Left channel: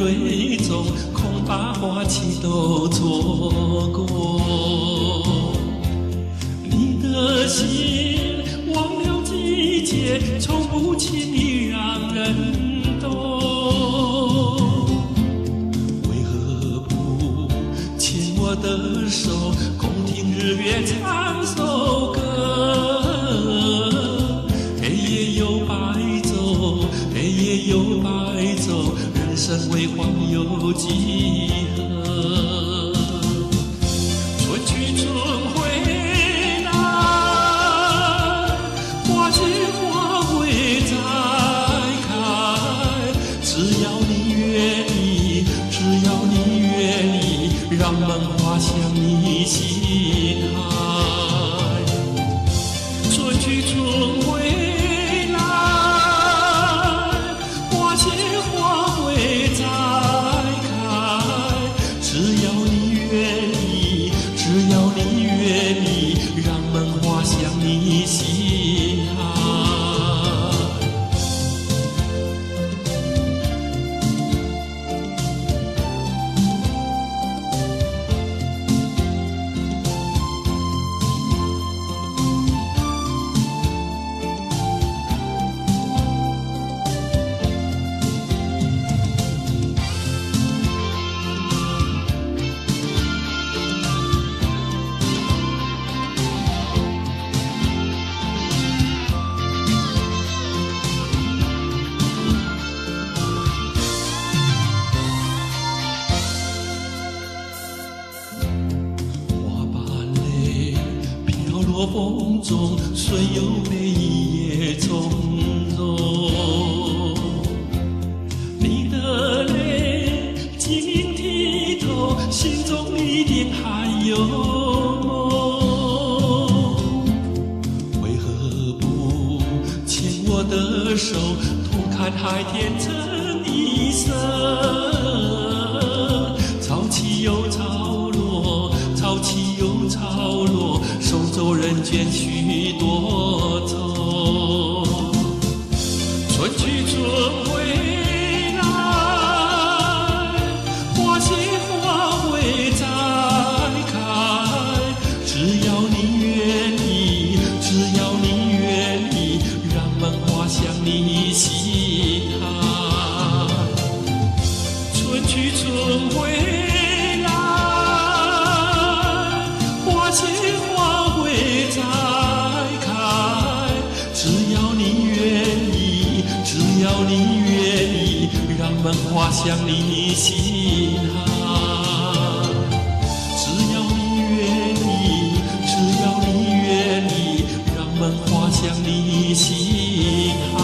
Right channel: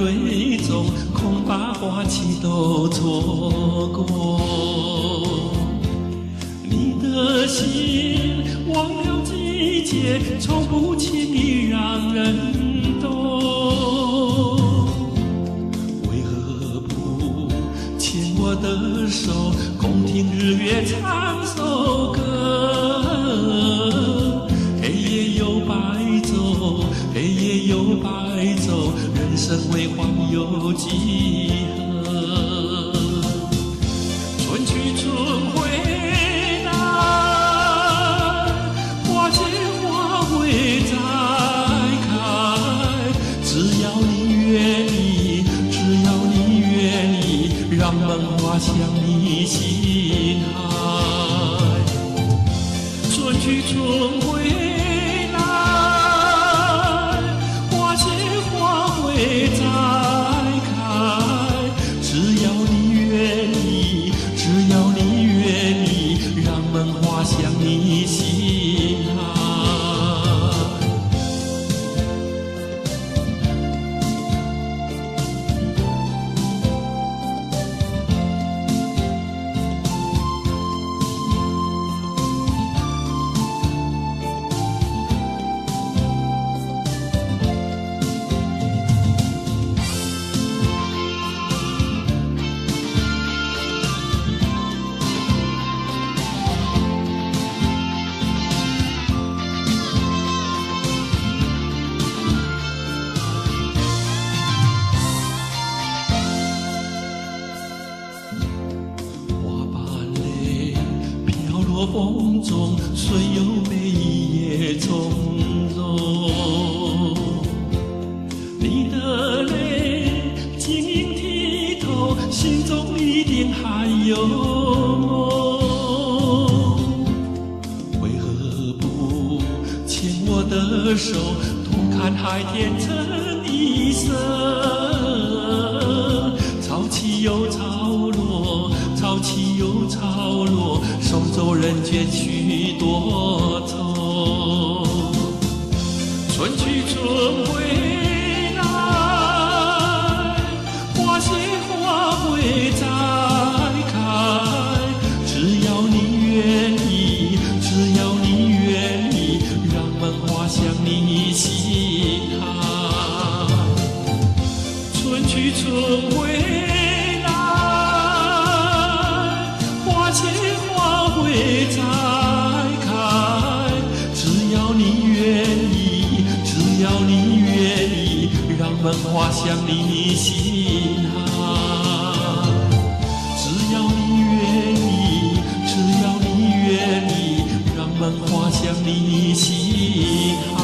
蕊中，恐把花期都错过。你的心忘了季节，从不轻易让人懂。为何不牵我的手，共听日月唱首歌？黑夜又白昼，黑夜又白昼，人生为欢有几何？春去春回来，花谢花会再开。只要你愿意，只要你愿意，让梦滑向你心海。春去春回来，花谢花会再开。只要你愿意，只要你愿意，让梦滑向你心海。落风中，虽有悲也从容。你的泪晶莹剔透，心中一定还有梦。为何不牵我的手，同看海天成一色？潮起又潮落，潮起又潮落，送走人间许多愁。春去春回来，花谢花会再开。只要你愿意，只要你愿意，让梦滑向你心海。春去春回来，花谢花会再开。只要你愿意，只要你愿意，让梦滑向你心海。只要你愿意，只要你愿意，让梦滑向你心海。